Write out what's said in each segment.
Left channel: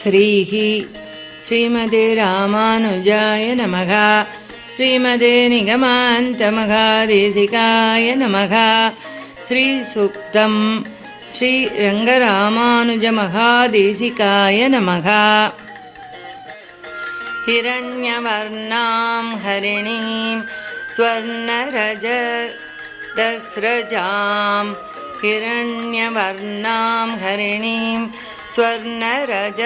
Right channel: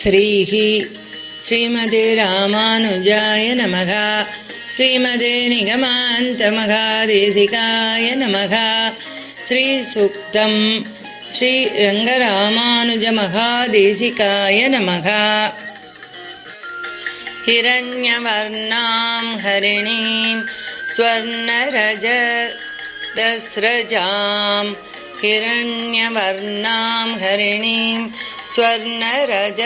श्रीः श्रीमते रामानुजाय नमः श्रीमते निगमान्तमघादेशिकाय नमः श्रीसूक्तं श्रीरङ्गरामानुजमहादेशिकाय नमः हिरण्यवर्णां हरिणीं स्वर्णरजतस्रजां हिरण्यवर्णां हरिणीं स्वर्णरजतस्रजां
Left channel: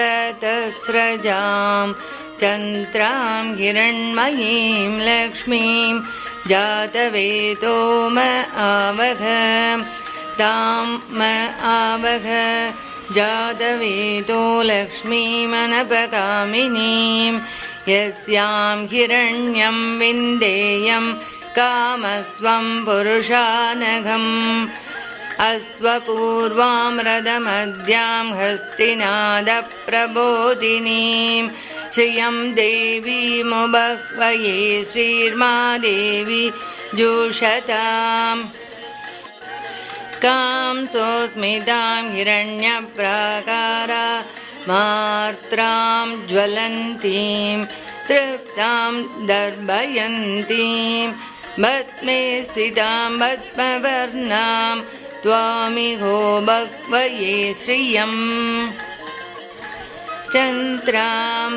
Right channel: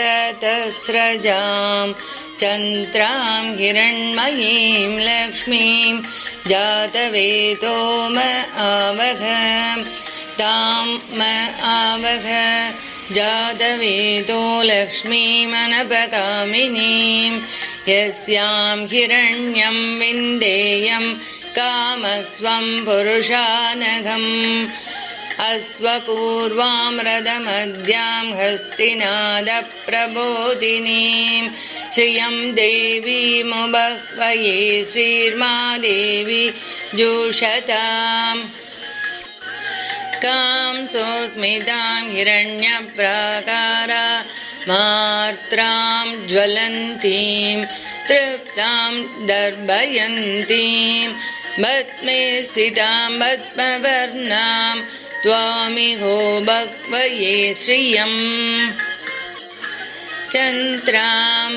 चन्द्रां हिरण्मयीं लक्ष्मीं जातवेतो म आवघ तां म आवघ जातवेदो लक्ष्मीमनपकामिनीं यस्यां हिरण्यं विन्देयं कामस्वं पुरुषानघम् अश्वपूर्वां रथमद्यां हस्तिनादप्रबोधिनीं श्रियं देवीमुबह्वये श्रीर्मा देवी जुषताम्। कां सोऽस्मितां हिरण्यप्राकारा मार्त्रां ज्वलन्तीं तृप्तां दर्भयन्तीं पद्मे स्थितां पद्मवर्णां त्वामिहो भक्वये श्रियम्। चन्द्रां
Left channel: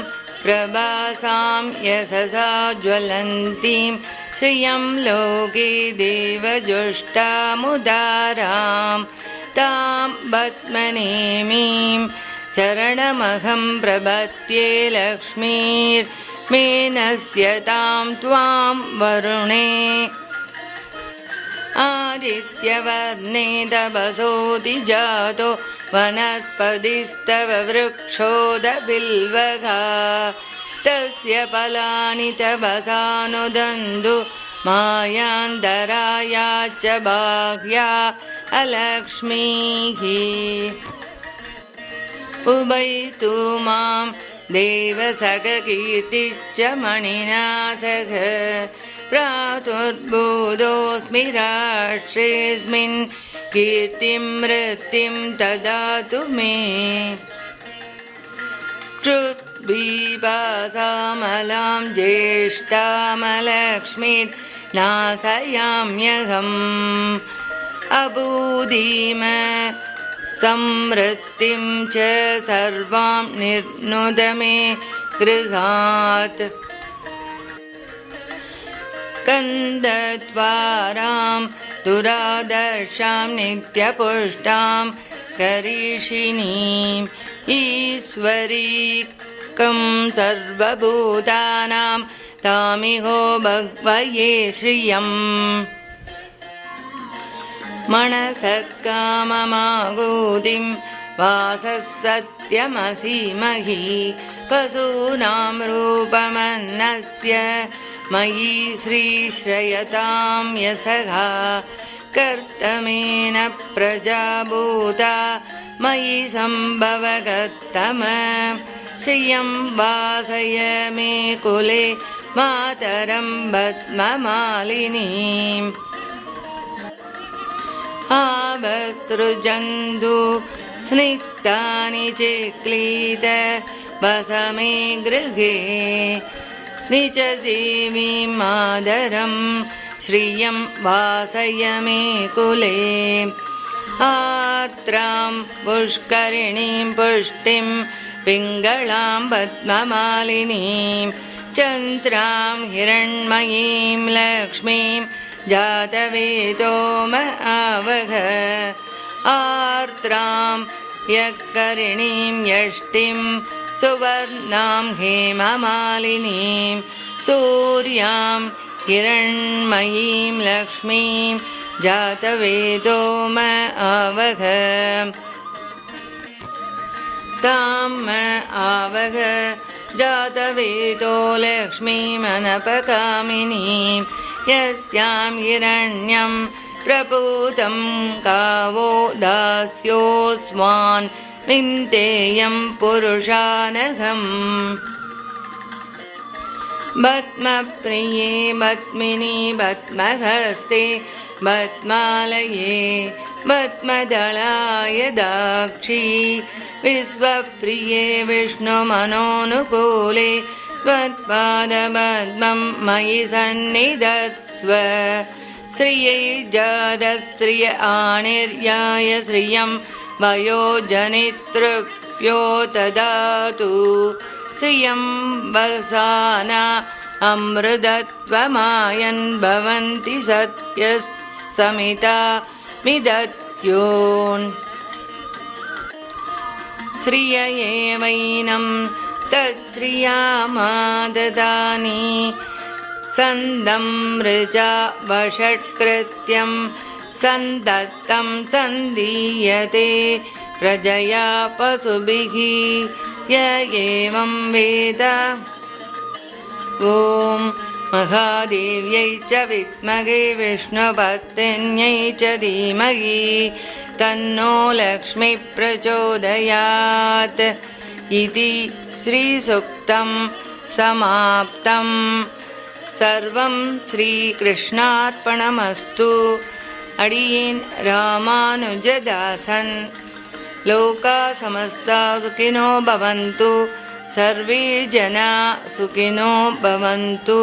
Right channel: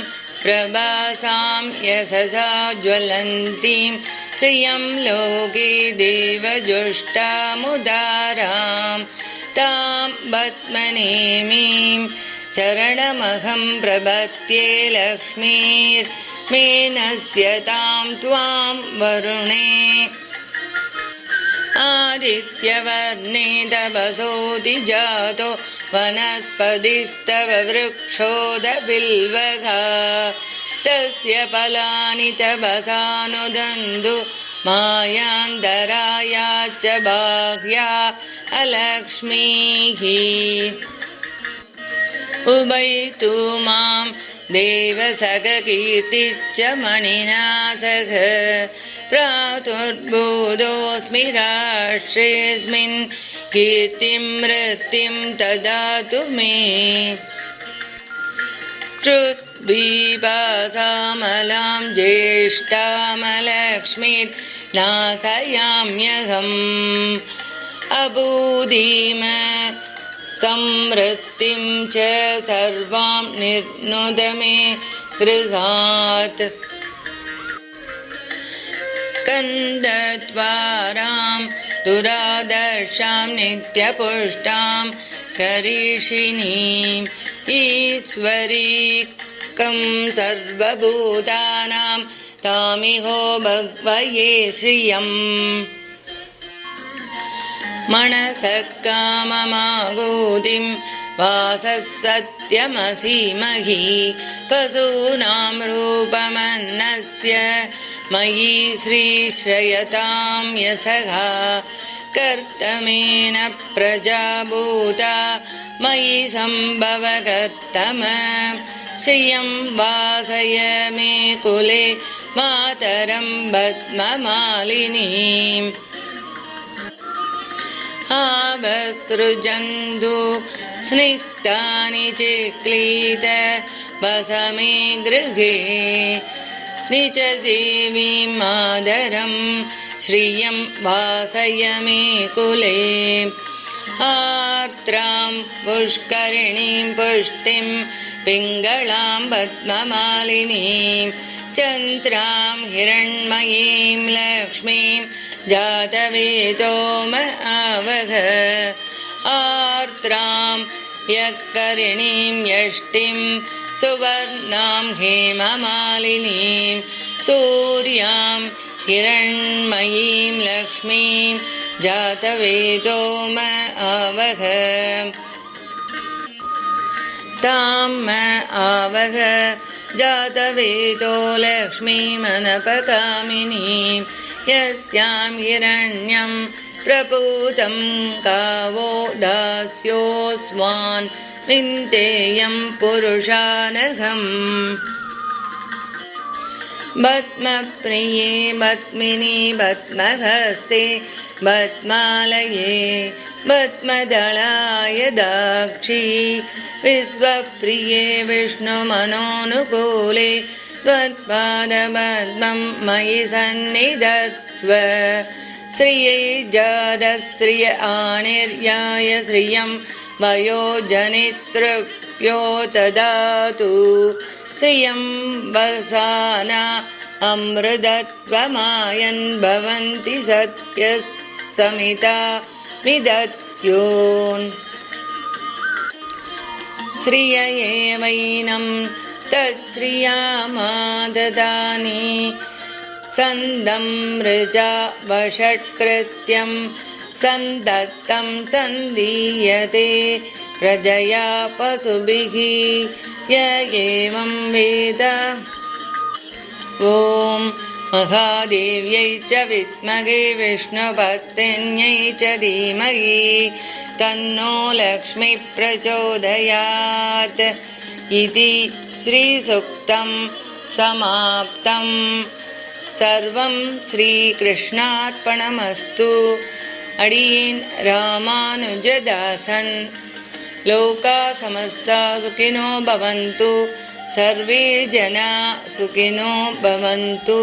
प्रभासां यशसा ज्वलन्तीं श्रियं लोके देवजुष्टामुदारां तां पद्मनेमीं चरणमहं प्रपद्ये लक्ष्मीर्मेनस्य तां त्वां वरुणे आदित्यवर्णे तपसोति जातो वनस्पतिस्तव वृक्षोदबिल्वघा। तस्य फलानि तपसानुदन्तु मायान्तराया च बाह्या अलक्ष्मीः। उभयतु मां देवसखकीर्तिश्च मणिना सह प्रातुर्बोधोऽस्मि राष्ट्रेऽस्मिन् कीर्तिं वृत्तिं ददातु मे। श्रुद्बीपासामलां ज्येष्ठामलक्ष्मीर्नाशयाम्यहम् अबूदीम संवृत्तिं च सर्वां निर्नुद मे गृहात् कन्दत्वारां दुरादर्शां नित्यपुष्टां करीषिणीम् ईश्वरीकं सर्वभूतानां तामिहो भग्वये श्रियम्। मनसः काममागोदिं वासः सत्यमसीमहि पशूनां रूपमन्नस्य मयि श्रीश्रयतां यशः कर्तमेन प्रजाभूता। मयि सम्भवकर्तम श्रियं वासय मे कुले मातरं पद्ममालिनीम्। आवसृजन्तु स्निग्धानि चिक्लीत वस मे गृहे निज देवीं मादरं श्रियं वासय मे कुले। आर्द्रां पुष्करिणीं पुष्टिं पिङ्गळां पद्ममालिनीं चन्द्रां हिरण्मयीं लक्ष्मीं जातवेदो म आवघ आर्द्रां यकरिणीं यष्टिं सुवर्णां हेममालिनीं, सूर्यां हिरण्मयीं लक्ष्मीं, जातवेदो म आवघ तां म आवघ जातवेदो लक्ष्मीमनपकामिनीं यस्यां हिरण्यं प्रपूतं गावो दास्योऽस्वान् विन्देयं पुरुषानघम् पद्मप्रिये पद्मिनी पद्महस्ते पद्मालये पद्मदलाय दाक्षी विश्वप्रिये विष्णुमनोनुकूले त्वत्पादपद्मं मयि सन्निधत्स्व। श्रियै जातश्रिय आणिर्याय श्रियं वयोजनितृभ्यो ददातु। श्रियं वसाना अमृतत्वमायन् भवन्ति सत्यः समिता मिदत्योन्। श्रिय एवैनं तच्छ्रियामाददानि सन्दं वषट्कृत्यं सन्दत्तं सन्दीयते प्रजया पशुभिः य एवं वेद। ॐ महादेव्यै च विद्महे विष्णुपत्न्यै च धीमहि तन्नो लक्ष्मी प्रचोदयात्। इति श्रीसुक्तं समाप्तं। सर्वं श्रीकृष्णार्पणमस्तु अडीन् रामानुजदासन् लोका समस्ता सुखिनो भवन्तु सर्वे जना सुखिनो भवन्तु